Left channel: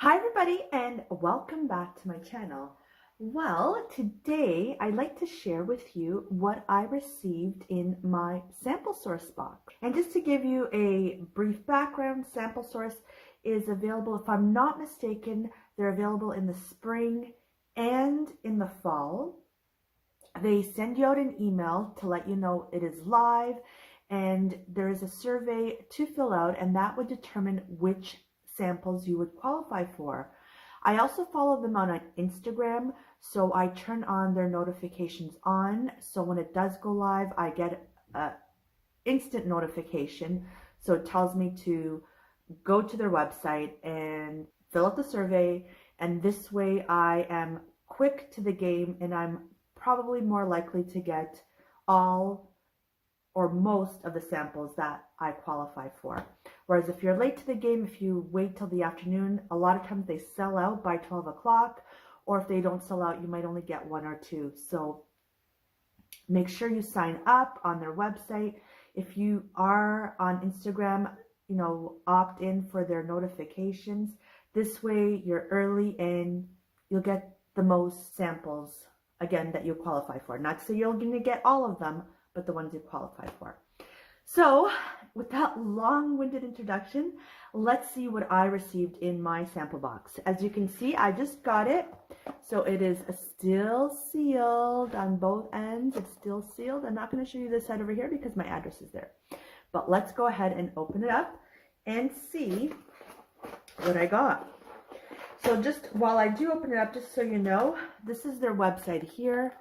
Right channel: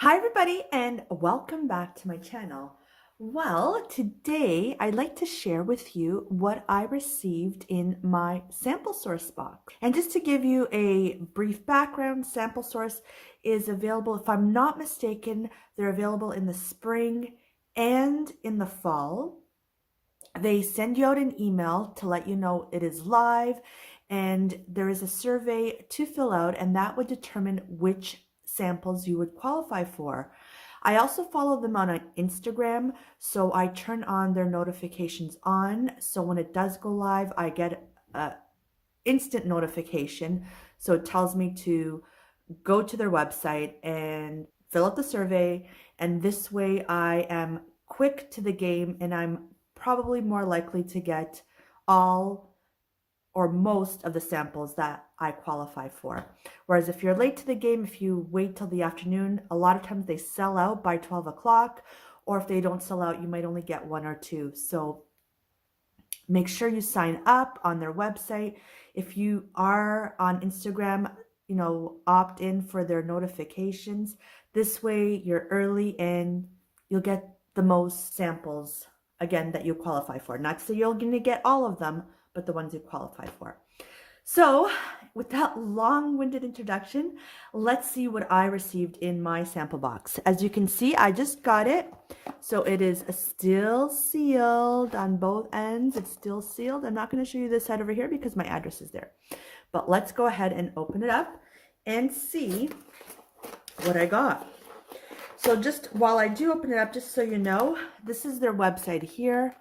Hi everybody and welcome back to my channel. Well, today I'd like to share with you what I received in my Samplesource box. And just to give you a brief background, Samplesource is available, if I'm not mistaken, they're available in the spring and in the fall. They send you out an email to let you know it is live, and there is a survey to fill out, and that would determine which samples you would qualify for. I also follow them on Instagram, so I turn on their notifications on. So when it does go live, I get an instant notification. So it tells me to go to their website and fill out the survey. And this way I am quick to the game and I'm probably more likely to get all or most of the samples that I qualify for. Whereas if you're late to the game, if you wait till the afternoon, a lot of times they sell out by 12 o'clock, or if they don't sell out, you might only get one or two. So make sure you sign up on their website. If you are on Instagram, opt in for their notifications. This way you're early and you'll get the most samples, again, that you qualify for. Not so you're going to get all of them, but the ones you qualify for. So with that long-winded introduction, let's see what I received in my sample box. As you can see, I just got it. So it is still sealed on both ends. It's still sealed. I'm not going to show you this side over here because my address is there. But let's go ahead and open it up and see what I got. So just while I do open it up, just so you know, this is their website here.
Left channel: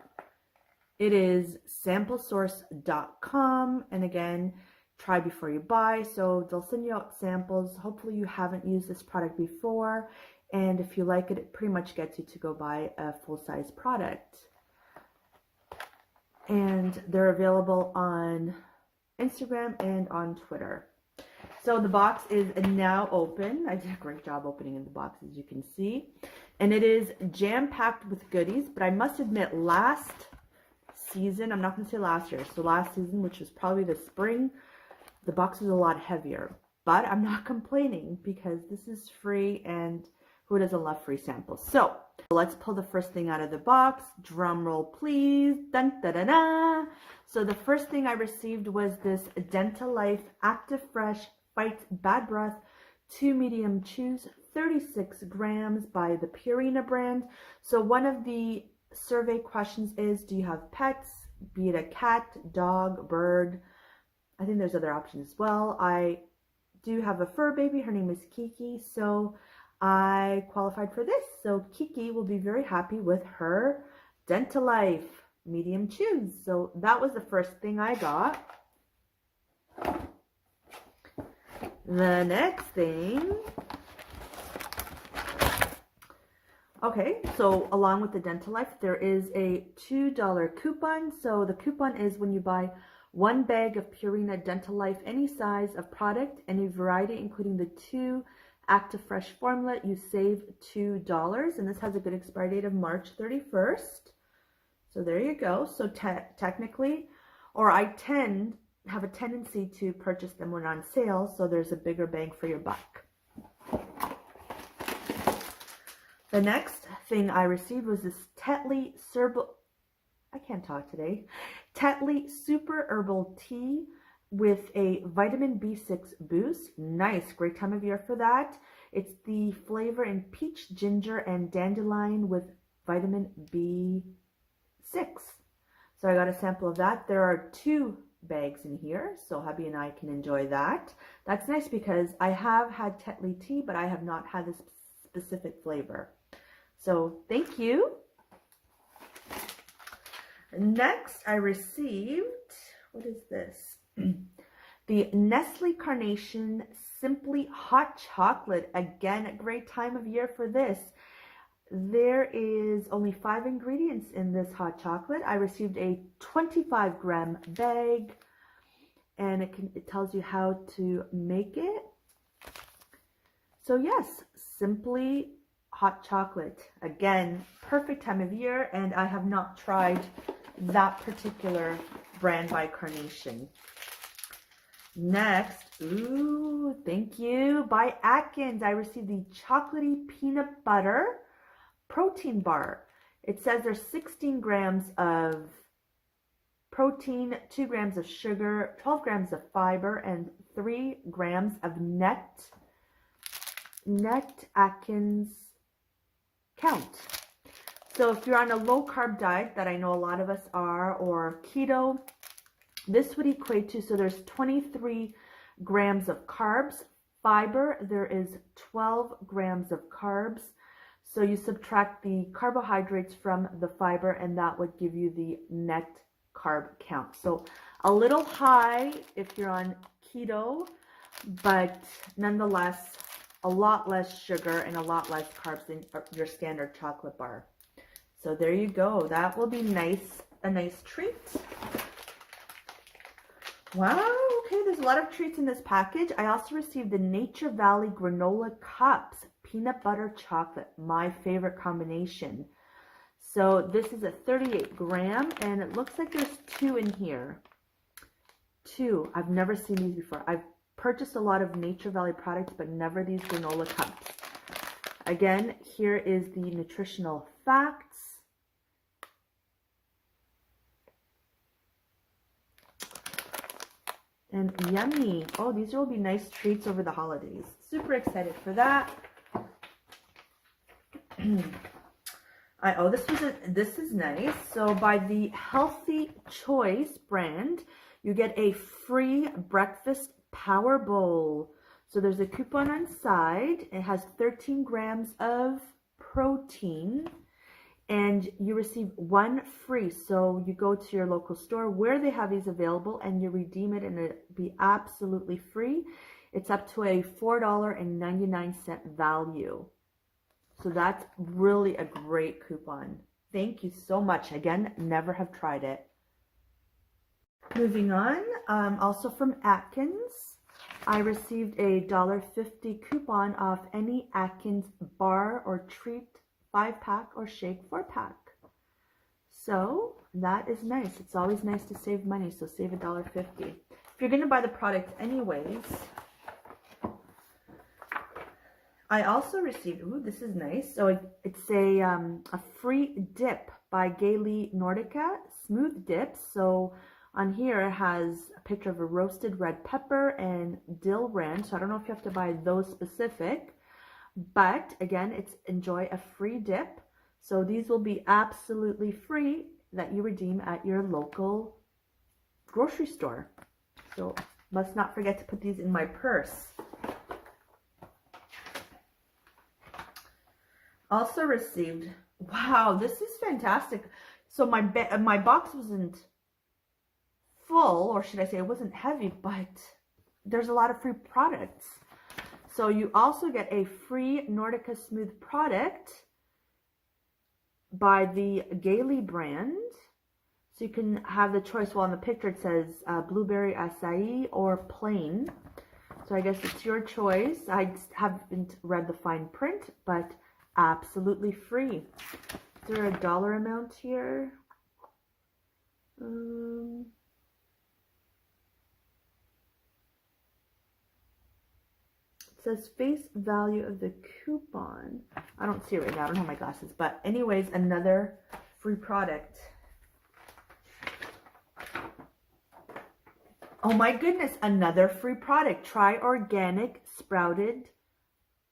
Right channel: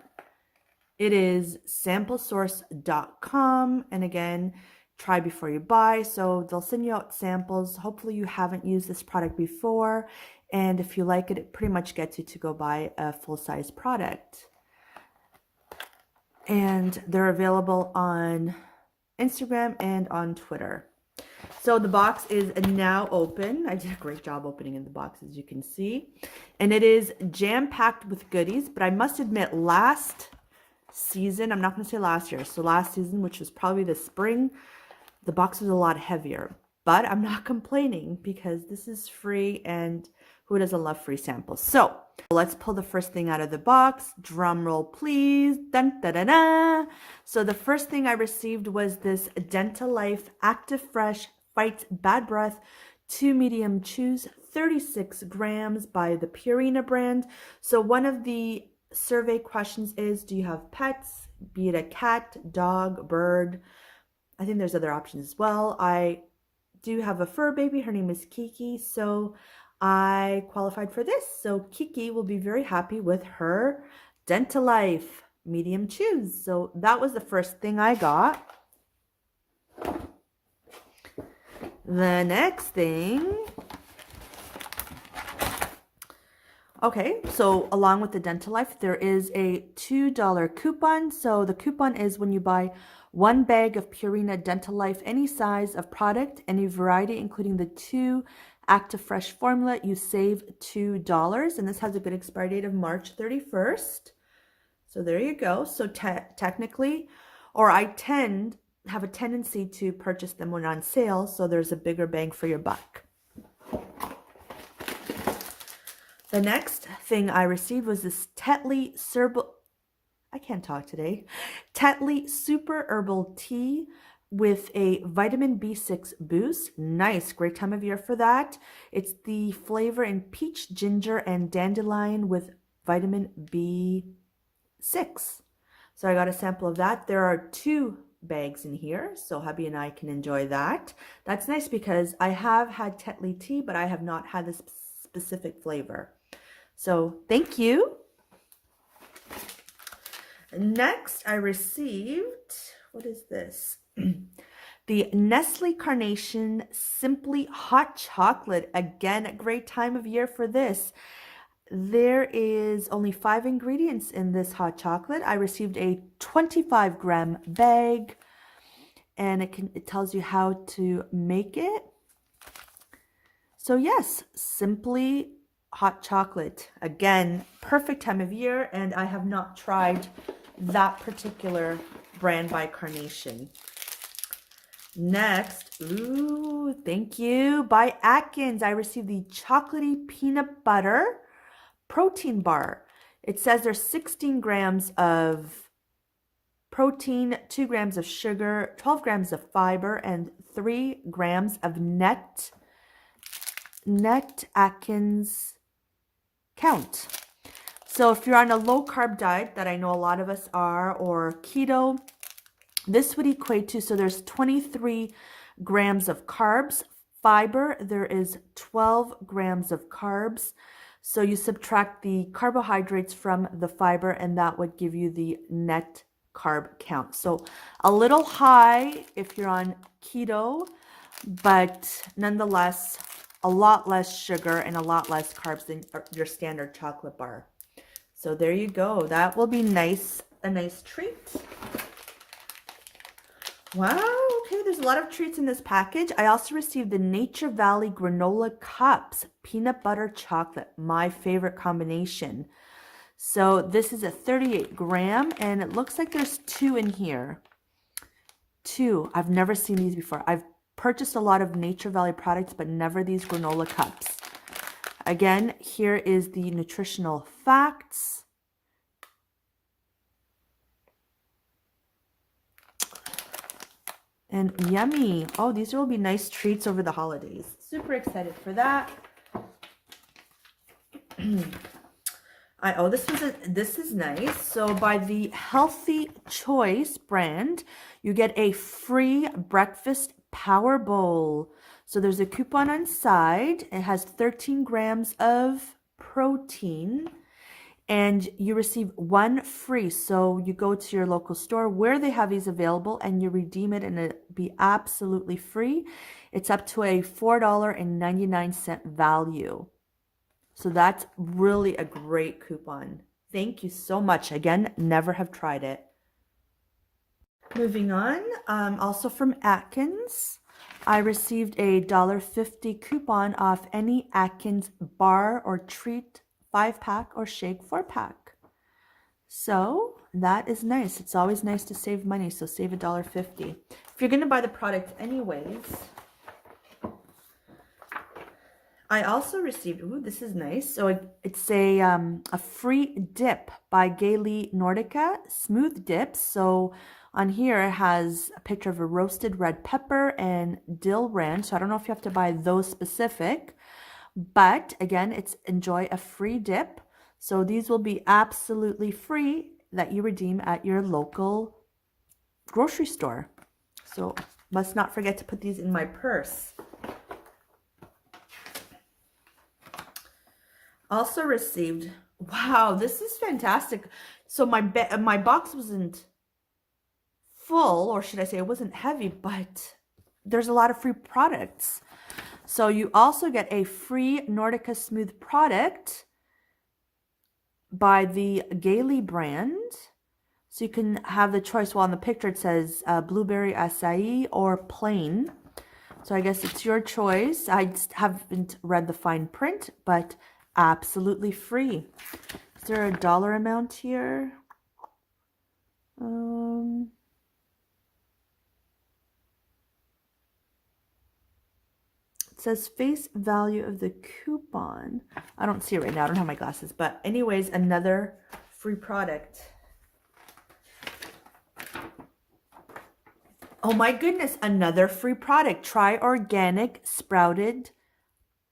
It is samplesource.com. And again, try before you buy. So they'll send you out samples. Hopefully you haven't used this product before. And if you like it, it pretty much gets you to go buy a full-size product. And they're available on Instagram and on Twitter. So the box is now open. I did a great job opening in the box, as you can see. And it is jam-packed with goodies. But I must admit, last season, I'm not going to say last year, so last season, which was probably the spring, the box was a lot heavier. But I'm not complaining because this is free, and who doesn't love free samples? So let's pull the first thing out of the box. Drum roll, please. Dun, da, da, da. So the first thing I received was this Dental Life Active Fresh Fights Bad Breath 2 medium chews, 36 grams by the Purina brand. So one of the survey questions is, do you have pets, be it a cat, dog, bird? I think there's other options as well. I do have a fur baby. Her name is Kiki, so I qualified for this. So Kiki will be very happy with her Dental Life medium chews. So that was the first thing I got. The next thing, okay, so along with the Dental Life, there is a $2 coupon. So the coupon is when you buy one bag of Purina Dental Life, any size of product, any variety, including the 2 Active Fresh formula, you save $2. And this has a good expiry date of March 31st. So there you go. So technically, or I have a tendency to purchase them when on sale, so there's a bigger bang for your buck. The next thing I received was this Tetley Super Herbal Tea with a vitamin B6 boost. Nice, great time of year for that. It's the flavor in peach, ginger, and dandelion with vitamin B6. So I got a sample of that. There are 2 bags in here, so hubby and I can enjoy that. That's nice because I have had Tetley tea, but I have not had this specific flavor. So thank you. Next, I received, what is this? The Nestle Carnation Simply Hot Chocolate. Again, a great time of year for this. There is only 5 ingredients in this hot chocolate. I received a 25-gram bag, and it tells you how to make it. So yes, Simply Hot Chocolate. Again, perfect time of year, and I have not tried that particular brand by Carnation. Next, ooh, thank you. By Atkins, I received the chocolatey peanut butter protein bar. It says there's 16 grams of protein, 2 grams of sugar, 12 grams of fiber, and 3 grams of net Atkins count. So if you're on a low carb diet, that I know a lot of us are, or keto, this would equate to, so there's 23 grams of carbs. Fiber, there is 12 grams of carbs. So you subtract the carbohydrates from the fiber, and that would give you the net carb count. So a little high if you're on keto, but nonetheless, a lot less sugar and a lot less carbs than your standard chocolate bar. So there you go. That will be nice, a nice treat. Wow, okay, there's a lot of treats in this package. I also received the Nature Valley Granola Cups, peanut butter chocolate, my favorite combination. So this is a 38 gram, and it looks like there's 2 in here. 2, I've never seen these before. I've purchased a lot of Nature Valley products, but never these granola cups. Again, here is the nutritional facts. And yummy. Oh, these will be nice treats over the holidays. Super excited for that. This is nice. So by the Healthy Choice brand, you get a free breakfast power bowl. So there's a coupon on side. It has 13 grams of protein, and you receive 1 free. So you go to your local store where they have these available and you redeem it, and it'll be absolutely free. It's up to a $4.99 value. So that's really a great coupon. Thank you so much. Again, never have tried it. Moving on, also from Atkins, I received a $1.50 coupon off any Atkins bar or treat 5-pack or shake 4-pack. So that is nice. It's always nice to save money, so save $1.50. If you're going to buy the product anyways. I also received, ooh, this is nice. So it's a free dip by Gaily Nordica, smooth dips. So on here it has a picture of a roasted red pepper and dill ranch. So I don't know if you have to buy those specific, but again, it's enjoy a free dip. So these will be absolutely free that you redeem at your local grocery store. So must not forget to put these in my purse. Also received, wow, this is fantastic. So my box wasn't full, or should I say it wasn't heavy, but there's a lot of free products. So you also get a free Nordica Smooth product by the Gaily brand. So you can have the choice. Well, on the picture it says blueberry acai or plain. So I guess it's your choice. I haven't read the fine print, but absolutely free. Is there a dollar amount here? It says face value of the coupon. I don't see it right now. I don't have my glasses. But anyways, another free product. Oh my goodness, another free product. Try organic sprouted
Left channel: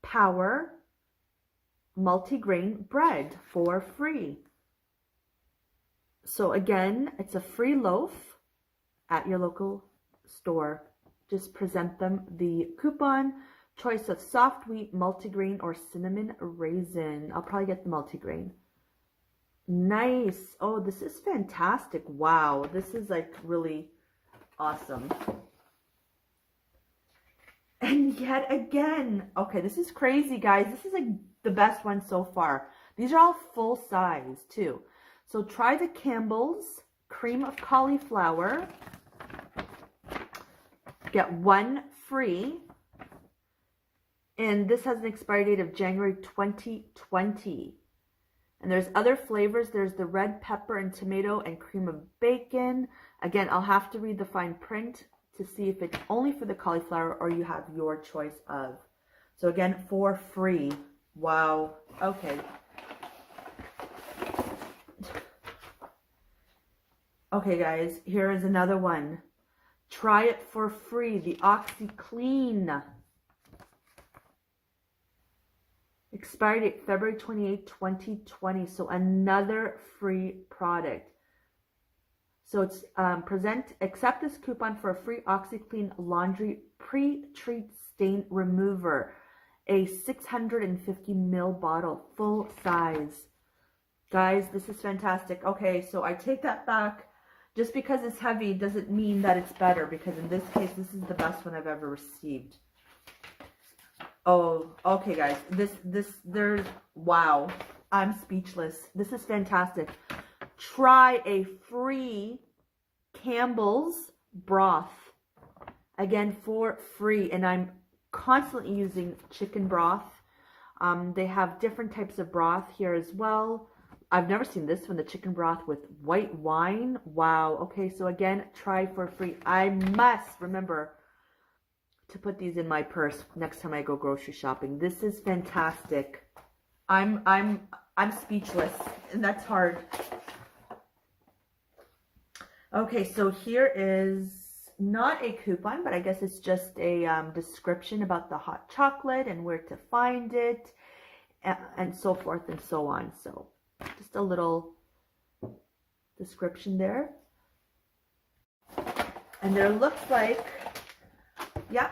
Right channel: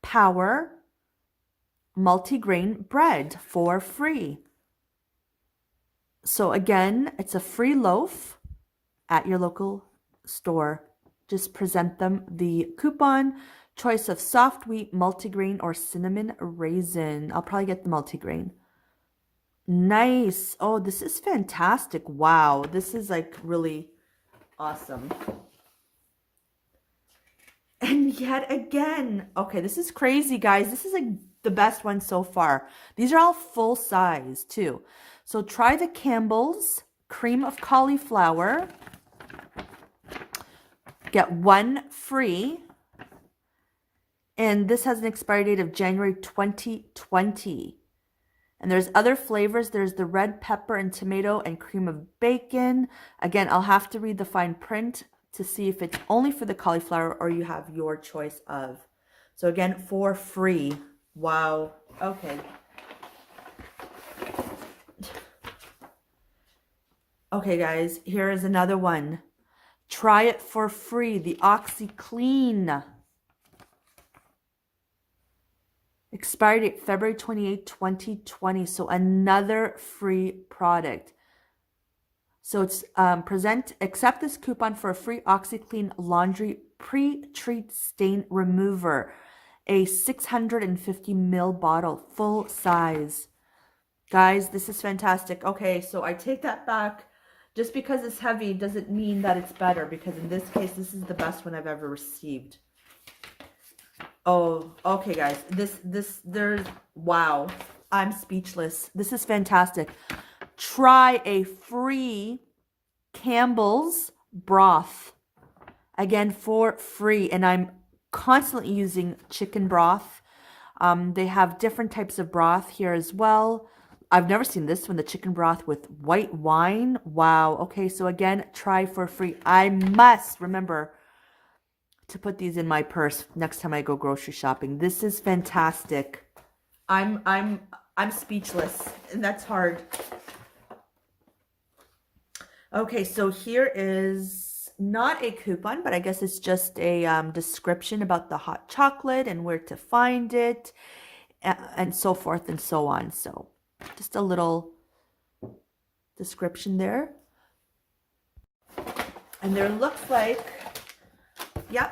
power multigrain bread for free. So again, it's a free loaf at your local store. Just present them the coupon, choice of soft wheat, multigrain, or cinnamon raisin. I'll probably get the multigrain. Nice. Oh, this is fantastic. Wow, this is like really awesome. And yet again, okay, this is crazy, guys. This is like the best one so far. These are all full size too. So try the Campbell's cream of cauliflower. Get 1 free. And this has an expiry date of January 2020. And there's other flavors. There's the red pepper and tomato and cream of bacon. Again, I'll have to read the fine print to see if it's only for the cauliflower or you have your choice of. So again, for free. Wow. Okay. Okay, guys, here is another one. Try it for free. The OxyClean. Expired date February 28, 2020. So another free product. So it's accept this coupon for a free OxyClean laundry pre-treat stain remover. A 650 ml bottle, full size. Guys, this is fantastic. Okay, so I take that back. Just because it's heavy doesn't mean that it's better, because in this case, this is the best one I've ever received. Oh, okay, guys. Wow. I'm speechless. This is fantastic. Try a free Campbell's broth. Again, for free. And I'm constantly using chicken broth. They have different types of broth here as well. I've never seen this one, the chicken broth with white wine. Wow. Okay, so again, try for free. I must remember to put these in my purse next time I go grocery shopping. This is fantastic. I'm speechless, and that's hard. Okay, so here is not a coupon, but I guess it's just a description about the hot chocolate and where to find it, and so forth and so on. So just a little description there. And there looks like, yeah,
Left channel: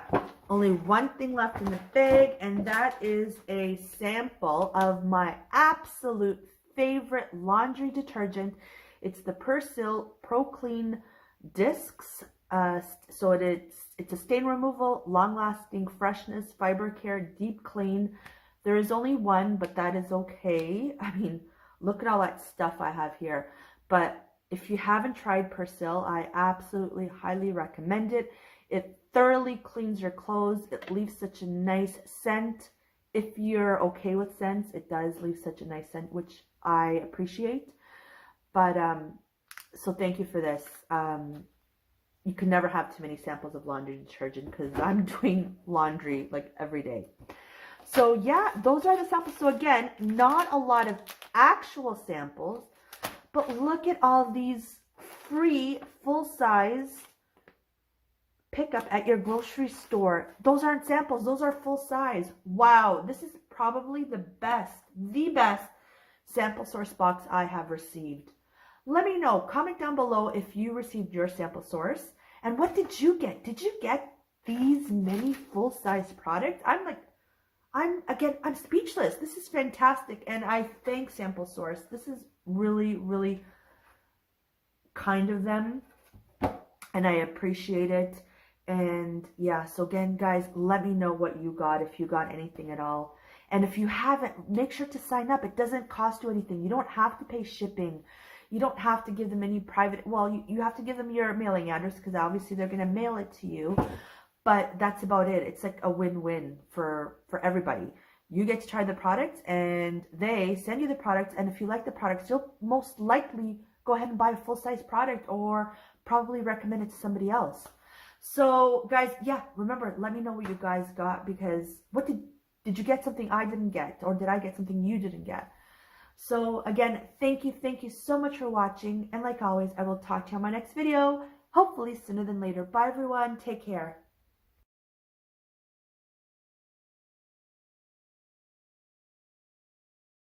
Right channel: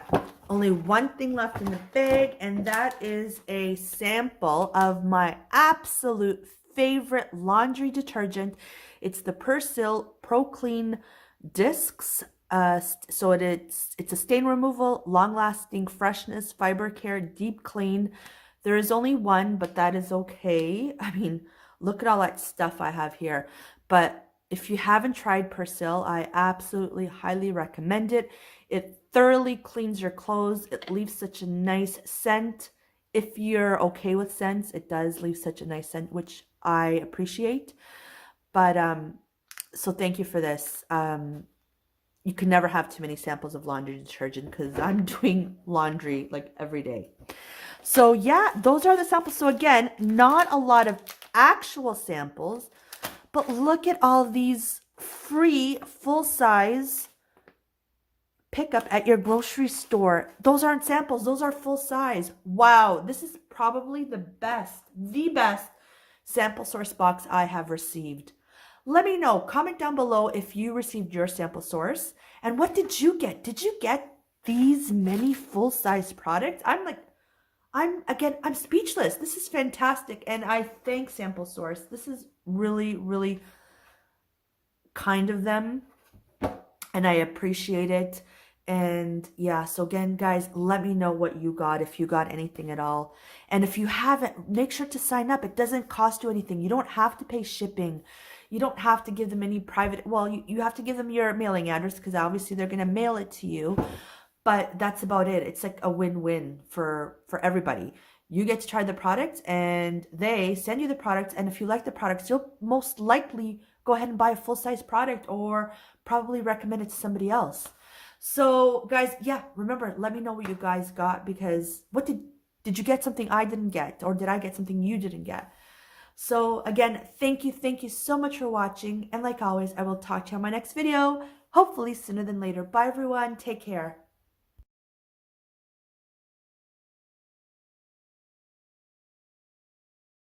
only one thing left in the bag, and that is a sample of my absolute favorite laundry detergent. It's the Persil Pro Clean discs. So it's a stain removal, long-lasting freshness, fiber care, deep clean. There is only one, but that is okay. I mean, look at all that stuff I have here. But if you haven't tried Persil, I absolutely highly recommend it. It thoroughly cleans your clothes. It leaves such a nice scent. If you're okay with scents, it does leave such a nice scent, which I appreciate. But so thank you for this. You can never have too many samples of laundry detergent, because I'm doing laundry like every day. So yeah, those are the samples. So again, not a lot of actual samples, but look at all these free full-size pickup at your grocery store. Those aren't samples, those are full size. Wow, this is probably the best Samplesource box I have received. Let me know, comment down below if you received your Samplesource, and what did you get? Did you get these many full-size products? I'm speechless. This is fantastic, and I thank Samplesource. This is really, really kind of them, and I appreciate it. And yeah, so again, guys, let me know what you got, if you got anything at all. And if you haven't, make sure to sign up. It doesn't cost you anything. You don't have to pay shipping. You don't have to give them any private, well, you have to give them your mailing address, because obviously they're going to mail it to you. But that's about it. It's like a win-win for everybody. You get to try the products, and they send you the products. And if you like the products, you'll most likely go ahead and buy a full-size product, or probably recommend it to somebody else. So guys, yeah, remember, let me know what you guys got, because what did you get something I didn't get, or did I get something you didn't get? So again, thank you so much for watching, and like always, I will talk to you on my next video, hopefully sooner than later. Bye everyone, take care.